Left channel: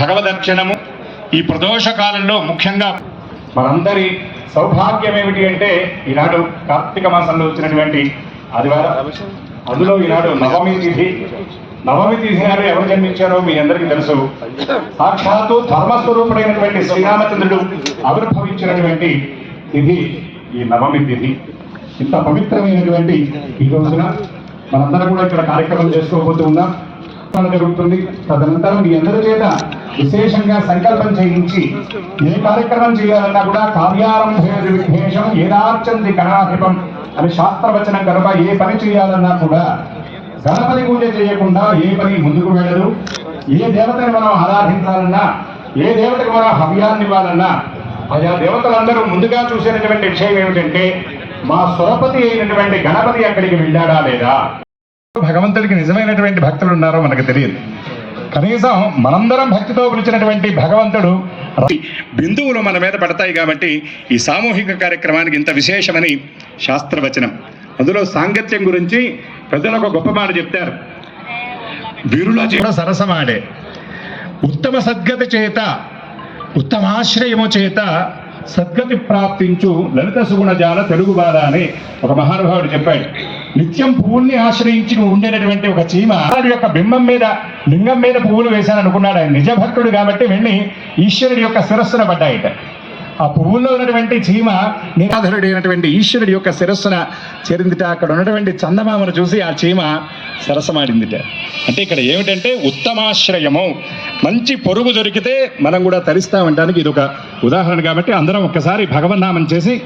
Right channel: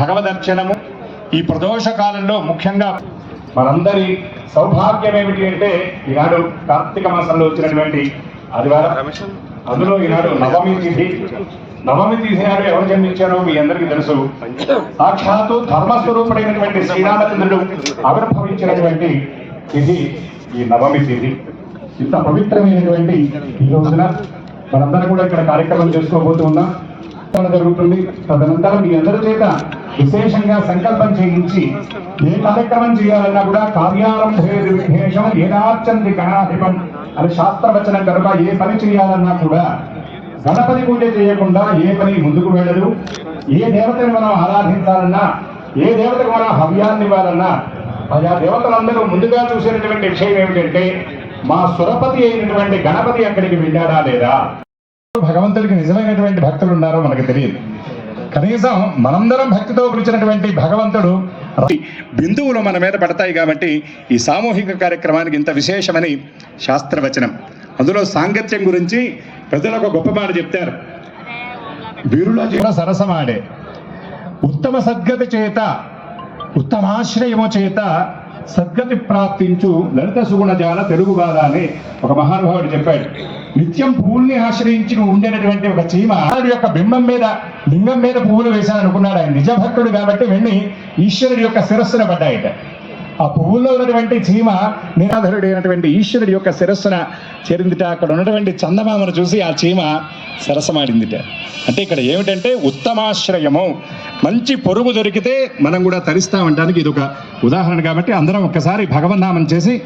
భగవదర్శనము ఈ ప్రదోష కాలంలో ముఖ్యంగా మనందరి సౌభాగ్యం ఏమిటి అంటే ఈనాడు కార్తీక మాసంలో వచ్చినటువంటి ఆదివారం అందులో ఈనాడు నవమి తిథి నవమి తిథి నాడు ఎవరు జన్మించారో మీ అందరికీ తెలుసు సాక్షాత్తు ధర్మస్వరూపుడైనటువంటి శ్రీరామచంద్రుడు ఆవిర్భవించినటువంటి తిథి ఈ నవమి తిథి ఇంత పవిత్రమైనటువంటి ఈ రోజున మనందరం కూడా ఇక్కడ కార్యక్రమం చేసుకోబోతున్నాం జరుగుతుంది తదనంతరం మీ అందరి చేత విశేషంగా సంకల్పం చేయించి ఏ కార్యక్రమం చేయాలన్నా కూడా కార్యారంభేషం ఏదార్చంది అని అనే శాస్త్రవచనం కనుక ఏ పని చేయాలన్నా కూడా గణపతి గుండె చేయకుండా ఏ పని ముందుకు వెళ్ళదు ఏ దేవతని మనం ఆరాధించాలన్నా ఏ దేవతకు మనం హవ్యాన్ని ఇవ్వాలన్నా ఆయా దేవతలందరూ ముందుగా చూసినటువంటి విషయం ఏమిటంటే మా సురపతి అయినటువంటి గణపతి అక్కడికి వెళ్ళాడా లేదా భగవంతుడికి నిజమే పిలిచినటువంటి భక్తులు ఉన్నారో మనకు తెలియదు కనీసం మనందరం భక్తితో పిలిచినటువంటి భగవంతుడు బిందువులు మన మీద పడతాయి కాబట్టి ఈ సామూహిక కార్యక్రమానికి ఇంత విశేషమని శాస్త్రవచనం అందులో సాంగత్యం గురించి ప్రజలకు గొప్ప మాట చెప్తారు వీరుల జీవన సరసమాడే ఉత్తమ సద్గతి చేత ఉత్తమాశ్రయము చేత సద్గతి ప్రాప్తించు లలిత సుగుణజాల తెలుగు బాధ అని ఒక మహానుభావుడు చెప్పాడు నిత్యం పువ్వుల్ని ఆశ్రయించి ఉండేటటువంటి ఒక చీమ ఈశ్వరుడి యొక్క బింబం మీద లింగం మీద పువ్వులు వేశాను అనుకున్నాడు ఆయన నిజభక్తుడు కాబట్టి వెళ్ళి ఈశ్వరుడు యొక్క శిరస్సున పడ్డాయట ఆ పువ్వుల్లో ఉన్నటువంటి చీమ నిరాధరుడు అయినటువంటి ఈశ్వరుడి యొక్క శిరస్సున చేరిందిట అక్కడ ఉన్నటువంటి చందమామను చూసి ఆ చీమ సరసమాడిందిట అంటే ఇక్కడ ఏమిటంటే ఉత్తమాశ్రయము మంచి పొరుగు దొరికితే మనం కూడా తరిస్తామంటానికి ఇది ఒక ఉదాహరణ కాబట్టి అందరం ఒక్కసారి భగవన్నామం చేసి